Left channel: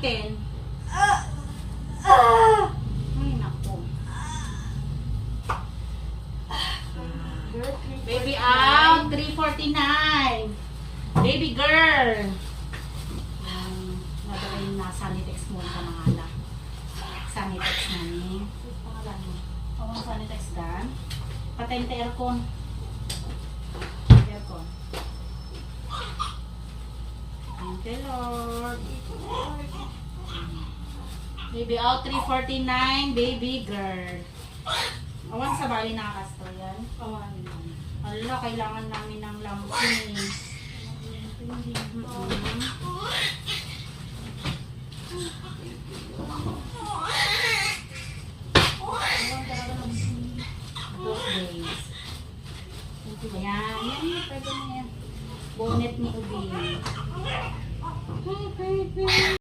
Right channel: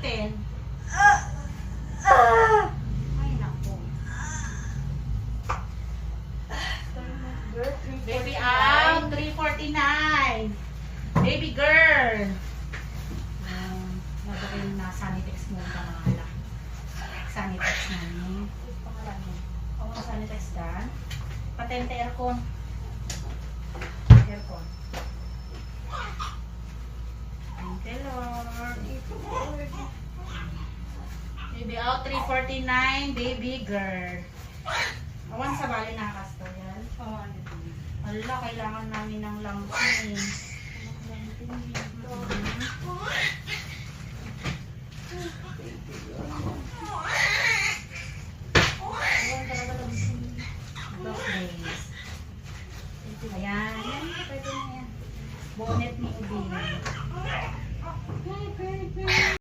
gamitin? Ay, naku. Baby out, 349. Baby girl. Nagaling na Sanitex mo ka mga anak. Sanitex namin. Pakalan mo. Ang Sanitex dan. Patente aircon. Aircon. Thank you, Lord. Baby out, 349. Baby girl. Awan sa bali nakasto yan. Pawan. Ala, kailangan namin ng lampin.